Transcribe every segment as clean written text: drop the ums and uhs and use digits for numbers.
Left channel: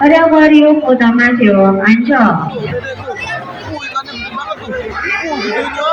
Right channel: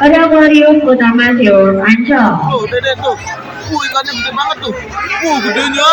Ada akuarium utama Seong Ancol. Tuh, dede tuh. Ikannya gede banget tuh. Gedenya.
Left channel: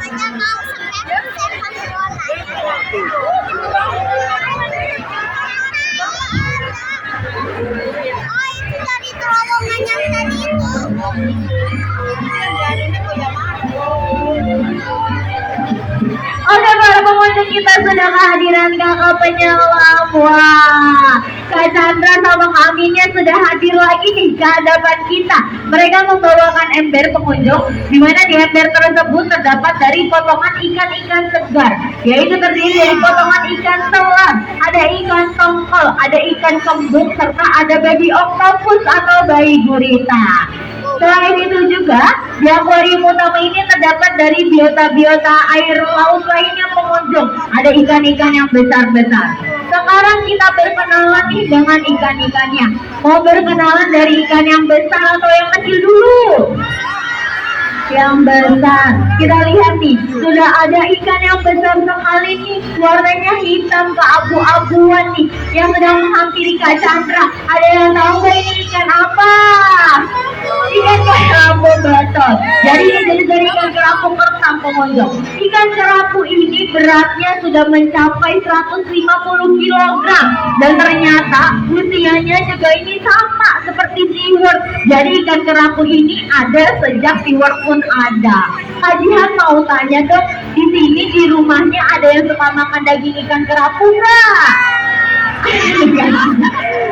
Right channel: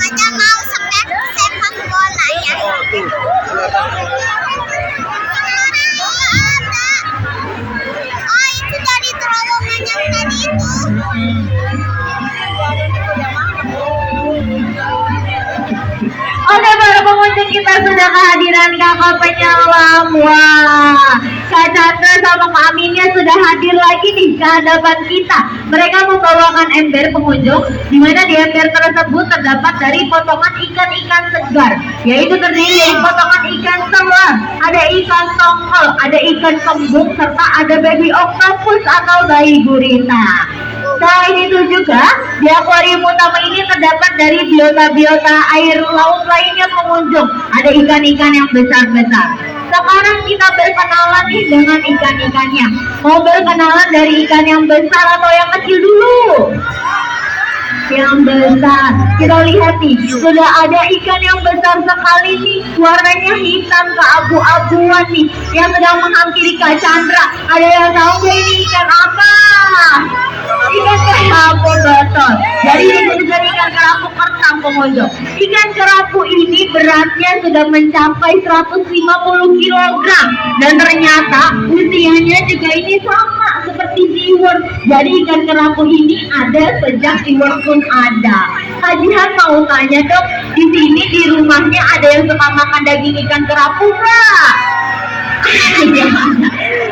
Ada mau sepak bola ya. Oh, tuh. Oh, itu dari terowongan yang tadi itu. Oke para pengunjung, kita sudah kehadiran kakak penyelam. Wah, Kak Chandra sama Kak Aminya sudah hadir lagi nih ke hadapan kita. Mereka membawakan ember pengunjung, di mana di ember tersebut terdapat dari potongan ikan-ikan segar, yaitu terdiri dari potongan ikan selam, ada ikan tongkol, ada ikan kembung, serta ada baby octopus atau bayi gurita. Selain itu juga, di akuarium utama ini terdapat dari biota-biota air laut lainnya pengunjung. Ada ikan-ikan yang besar-besar. Sekarang kita berkenalan nih dengan ikan-ikannya. Mau berkenalan dari ikan yang besar atau yang kecil dulu? Yang besar. Kita lihat nih, sudah ada ikan yang besar sekali nih, warnanya hitam keabu-abuan nih, yang sedang menghampiri Kak Chandra. Ada yang tahu nggak ini ikan apa? Ikan kerapu, betul. Jadi ini dari ikan kerapu kertang pengunjung. Ikan kerapu ini beratnya sudah mencapai 150 kg, dan ternyata usianya juga ini sama seperti SeaWorld. Jadi ikan kerapu ini ada sejak SeaWorld pun ada. Pak Jihan mau tanya dong, di sini di rumahnya ada yang suka makan daging ikan kerapu nggak?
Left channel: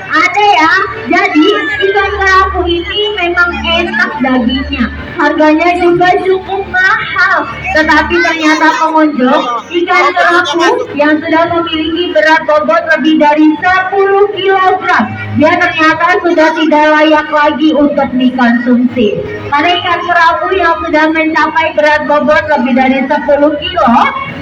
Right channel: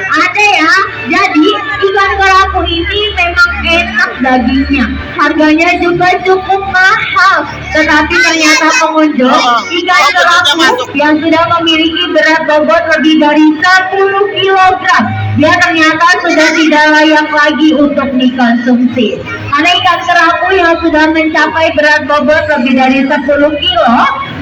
Ada ya. Jadi ikan kerapu ini memang enak dagingnya, harganya juga cukup mahal. Tetapi ternyata pengunjung, ikan kerapu yang sudah memiliki berat bobot lebih dari 10 kg, dia ternyata sudah tidak layak lagi untuk dikonsumsi. Karena ikan kerapu yang sudah mencapai berat bobot lebih dari 10 kilo,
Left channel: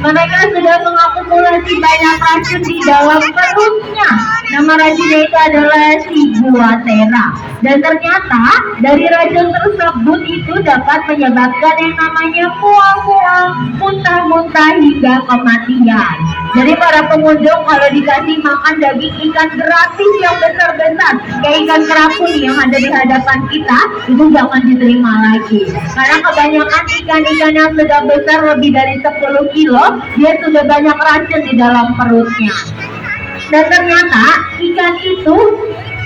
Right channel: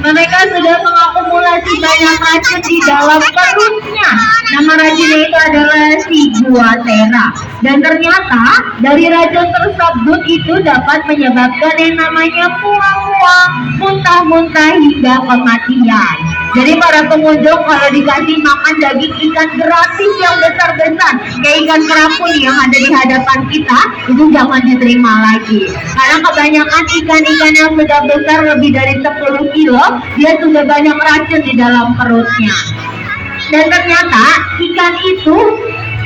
mereka sudah mengakumulasi banyak racun di dalam perutnya. Nama racunnya itu adalah ciguatera. Dan ternyata dari racun tersebut itu dapat menyebabkan yang namanya mual-mual, muntah-muntah hingga kematian. Jadi para pengunjung kalau dikasih makan daging ikan gratis yang besar-besar kayak ikan kerapu nih yang ada di hadapan kita, itu jangan diterima lagi. Karena kebanyakan ikan-ikan yang sudah besar lebih dari 10 kilo, dia sudah banyak racun di dalam perutnya. Dan ternyata ikan itu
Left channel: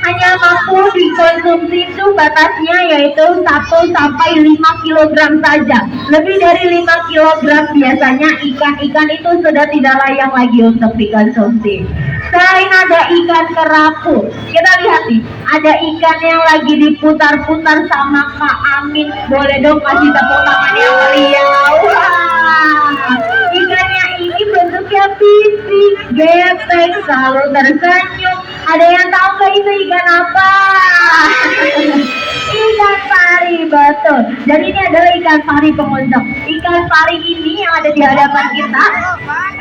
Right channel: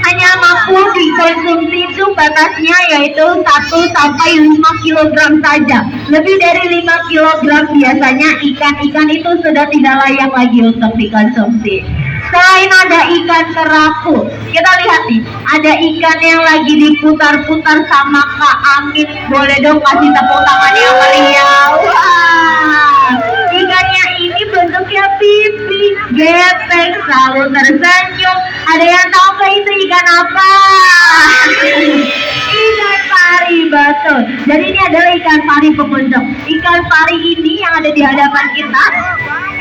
hanya mampu dikonsumsi itu batasnya yaitu 1 sampai 5 kg saja. Lebih dari 5 kg biasanya ikan-ikan itu sudah tidak layak lagi untuk dikonsumsi. Selain ada ikan kerapu, kita lihat nih, ada ikan yang lagi diputar-putar sama Kak Amin. Boleh dong kasih tepuk tangan yang meriah. Wah, ikannya ini bentuknya pipi, gepeng, selalu tersenyum. Ada yang tahu nggak itu ikan apa? Ikan pari, betul. Jadi ini adalah ikan pari pengunjung. Ikan pari ini yang ada di hadapan kita,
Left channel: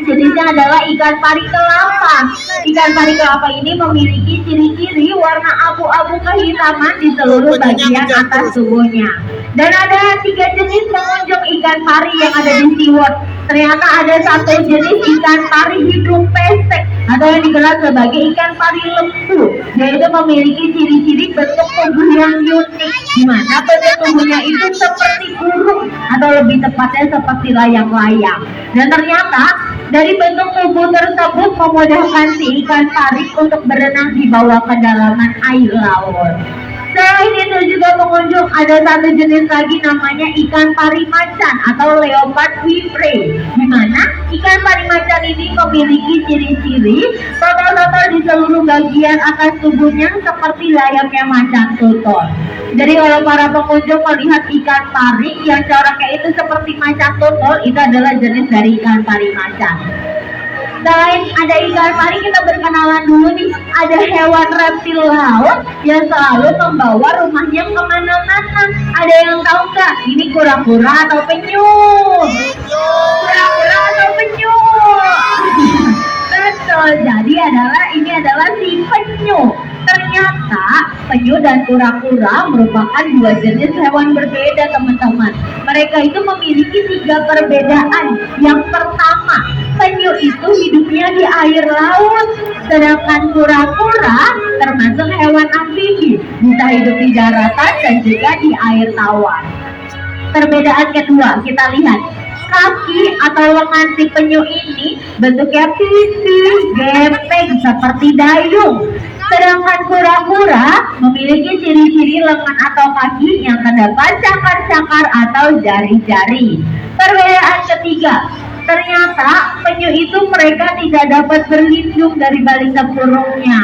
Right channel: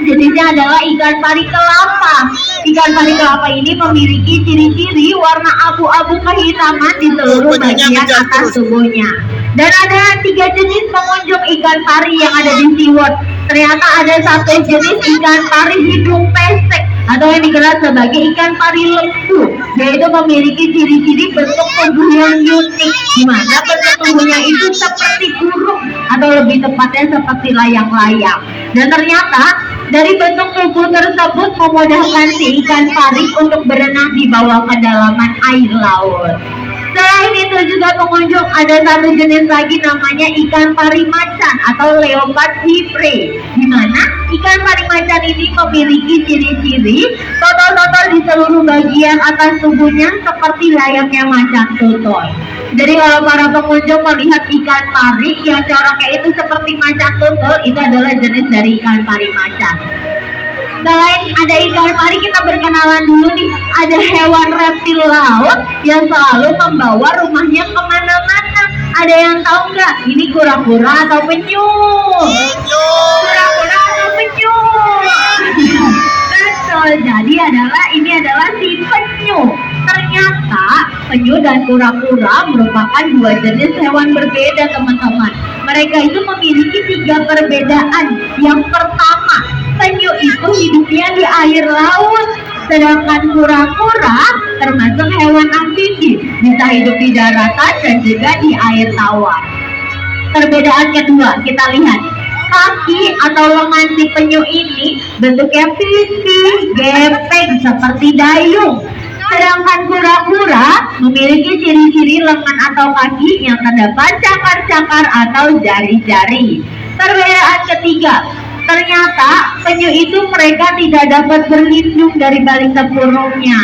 jenisnya adalah ikan pari kelapa. Ikan pari kelapa ini memiliki ciri-ciri warna abu-abu kehitaman di seluruh bagian atas tubuhnya. Dan ada 3 jenis pengunjung ikan pari yang ada di SeaWorld. Ternyata ada 1 jenis ikan pari hidung pesek atau yang dikenal sebagai ikan pari lembu, yaitu memiliki ciri-ciri bentuk tubuh yang unik, di mana bentuk tubuhnya itu seperti burung atau lebih tepatnya seperti layang-layang. Dan ternyata dari bentuk tubuh tersebut memudahkan si ikan pari untuk berenang di bawah kedalaman air laut. Selain itu juga pengunjung ada 1 jenis lagi namanya ikan pari macan atau leopard hypre, di mana ikan pari macan ini memiliki ciri-ciri total-total di seluruh bagian atas tubuhnya seperti layaknya macan tutul. Jadi kalau para pengunjung melihat ikan pari yang coraknya itu seperti macan tutul, itu adalah jenis dari ikan pari macan. Selain ada ikan pari, kita berkenalan dulu nih. Ada hewan reptil laut yang selalu membawa rumahnya kemana-mana. Ada yang tahu nggak? Ini kura-kura atau penyu? Kura-kura atau penyu? Betul. Jadi ini adalah si penyu. Ternyata penyu dan kura-kura merupakan 2 jenis hewan berbeda, teman-teman. Mereka itu memiliki 3 perbedaan. Yang pertama, penyu penyu itu hidupnya di air laut. Sedangkan kura-kura termasuk hewan amfibi, bisa hidup di daratan dan juga di air tawar. Perbedaan kedua, kita lihat kaki atau lengan si penyu ini bentuknya pipih, gepeng seperti dayung. Sedangkan kura-kura memiliki ciri-ciri lengan atau kaki yang terdapat cakar-cakar atau jari-jari. Perbedaan ketiga, ternyata penyu itu mereka tidak dapat berlindung dari balik tempurungnya.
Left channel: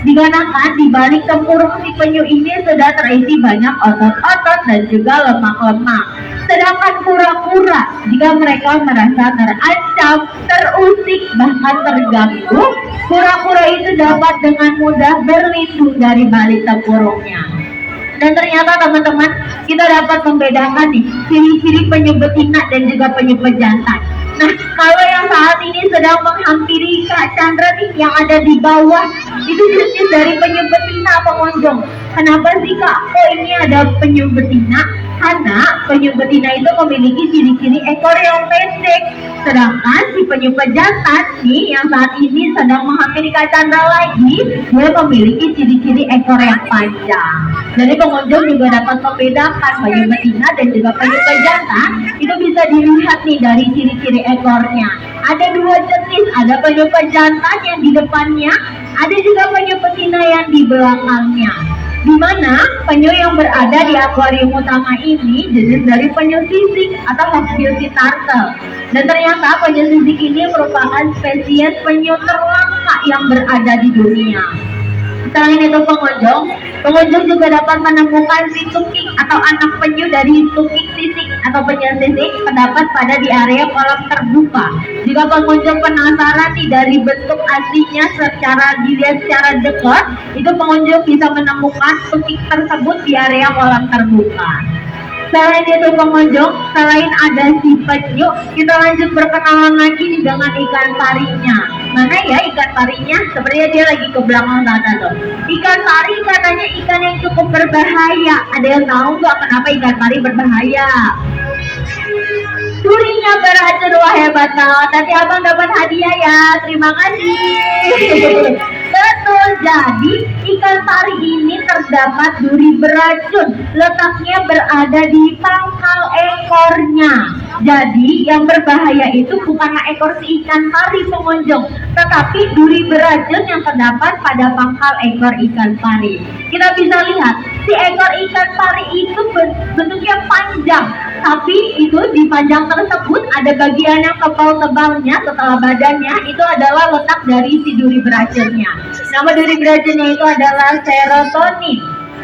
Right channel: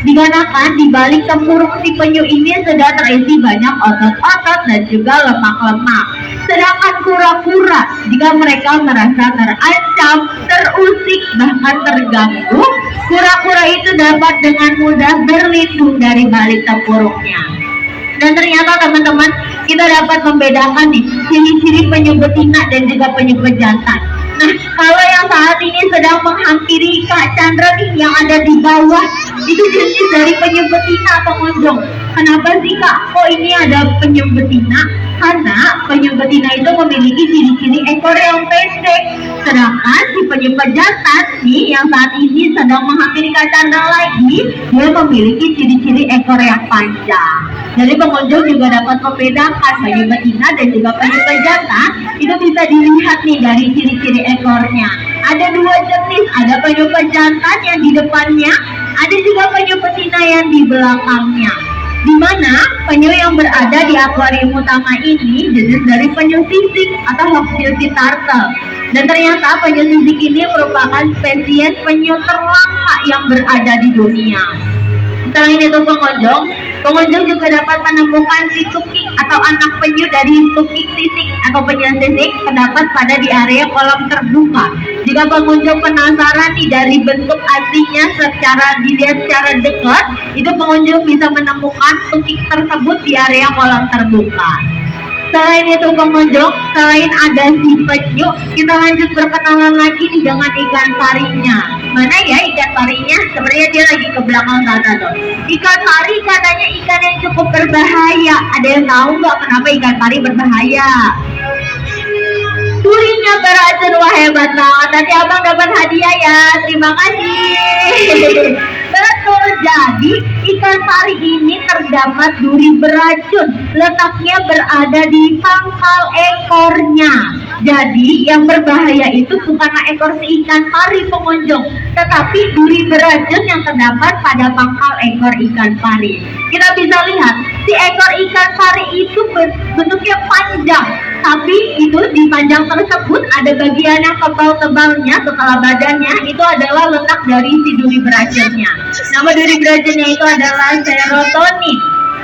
Dikarenakan di balik tempurung si penyu ini sudah terisi banyak otot-otot dan juga lemak-lemak. Sedangkan kura-kura, jika mereka merasa terancam, terusik, bahkan terganggu, kura-kura itu dapat dengan mudah berlindung dari balik tempurungnya. Dan ternyata teman-teman, kita dapat membedakan nih ciri-ciri penyu betina dan juga penyu pejantan. Nah, kalau yang saat ini sedang menghampiri Kak Chandra nih yang ada di bawah, itu jenis dari penyu betina pengunjung. Kenapa sih Kak? Kok ini ada penyu betina? Karena penyu betina itu memiliki ciri-ciri ekor yang pendek. Sedangkan si penyu pejantan nih yang saat ini sedang menghampiri Kak Chandra lagi, dia memiliki ciri-ciri ekor yang panjang. Jadi pengunjung juga dapat membedakan penyu betina dan juga penyu pejantan. Itu bisa dilihat nih dari ciri-ciri ekornya. Ada dua jenis, ada penyu pejantan yang di depannya, ada juga penyu betina yang di belakangnya. Di mana penyu yang berada di akuarium utama ini jenis dari penyu sisik atau Hawksbill turtle. Dan ternyata penyu sisik ini merupakan spesies penyu terlangka yang berada di dunia. Selain itu pengunjung juga dapat menemukan si tukik atau anak penyu dari tukik sisik atau penyu sisik terdapat pada di area kolam terbuka. Jika pengunjung penasaran nih dari bentuk aslinya dilihat secara dekat, itu pengunjung bisa menemukan tukik tersebut di area kolam terbuka. Selain itu pengunjung, selain ada si penyu, kita lanjut berkenalan lagi nih dengan ikan parinya. Mana ya ikan parinya? Sebenarnya dia lagi ke belakang sana tuh. Ikan pari katanya ikan yang cukup berbahaya. Ada yang tahu nggak kenapa ikan pari berbahaya? Durinya beracun, wah hebat banget. Nanti abang dapat hadiah ya. Terima kasih. Betul, jadi ikan pari ini terdapat duri beracun. Letaknya berada di pangkal ekornya. Jadi yang berbahaya itu bukanlah ekor si ikan pari pengunjung, tetapi duri beracun yang terdapat pada pangkal ekor ikan pari. Kita bisa lihat si ekor ikan pari itu bentuknya panjang, tapi itu di panjang tersebut ada bagian yang tebal-tebalnya setelah badannya itu adalah letak dari si duri beracunnya. Nama duri beracunnya itu adalah serotonin.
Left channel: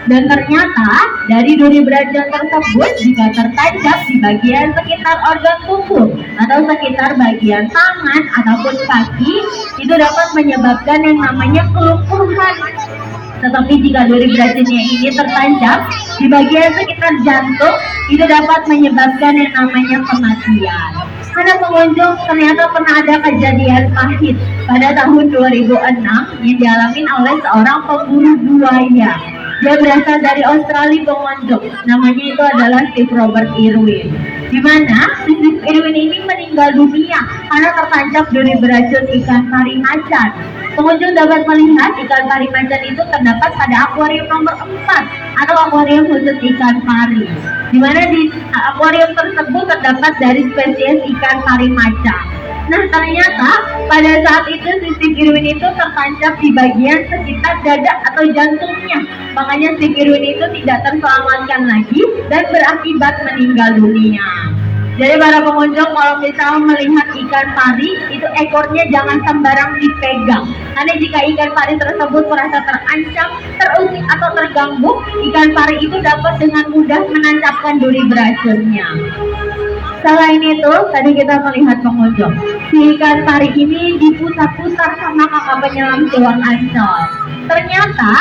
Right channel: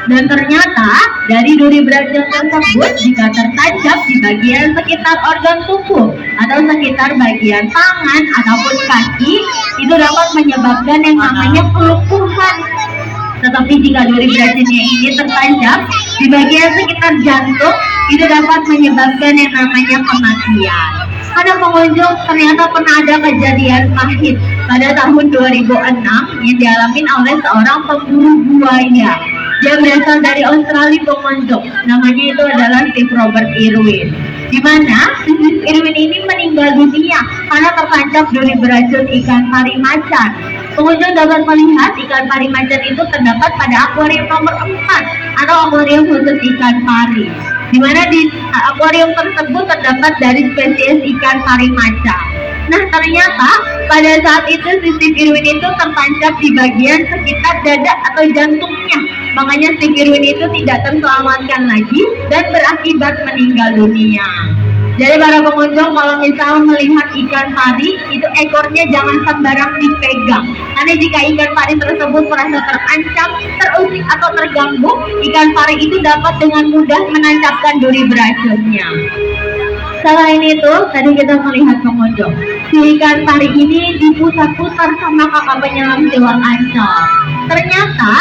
Dan ternyata dari duri beracun tersebut jika tertancap di bagian sekitar organ tubuh atau sekitar bagian tangan ataupun kaki, itu dapat menyebabkan yang namanya kelumpuhan. Tetapi jika duri beracunnya ini tertancap di bagian sekitar jantung, itu dapat menyebabkan yang namanya kematian. Ada pengunjung ternyata pernah ada kejadian pahit pada tahun 2006 yang dialami oleh seorang pemburu buaya. Dia berasal dari Australia pengunjung, namanya itu adalah Steve Robert Irwin. Di mana Steve Irwin ini meninggal dunia karena tertancap duri beracun ikan pari macan. Pengunjung dapat melihat ikan pari macan itu terdapat pada akuarium nomor 4 atau akuarium khusus ikan pari. Di mana di akuarium tersebut terdapat dari spesies ikan pari macan. Nah ternyata pada saat itu Steve Irwin itu tertancap di bagian sekitar dada atau jantungnya. Makanya Steve Irwin itu tidak terselamatkan lagi dan berakibat meninggal dunia. Jadi para pengunjung kalau misal melihat ikan pari itu ekornya jangan sembarang dipegang. Karena jika ikan pari tersebut merasa terancam, terusik atau terganggu, ikan pari itu dapat dengan mudah menancapkan duri beracunnya. Selain itu, tadi kita melihat pengunjung, si ikan pari ini diputar-putar sama kakak penyelam Selat Ancol. Ternyata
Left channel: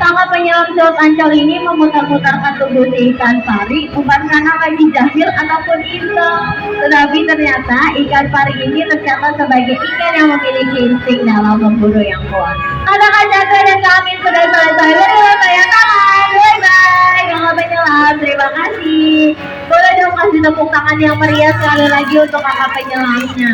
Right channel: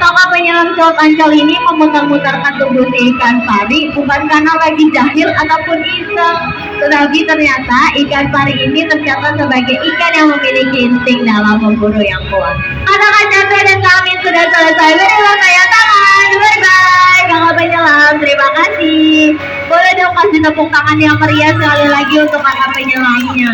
kakak penyelam Selat Ancol ini memutar-mutarkan tubuh si ikan pari bukan karena lagi jahil ataupun iseng, tetapi ternyata ikan pari ini tercatat sebagai ikan yang memiliki insting dalam memburu yang kuat. Kata-kata Chandra dan kami sudah selesai. Berilah saya tangan. Bye-bye kakak penyelam. Terima kasih. Boleh dong kasih tepuk tangan yang meriah sekali lagi untuk kakak penyelamnya.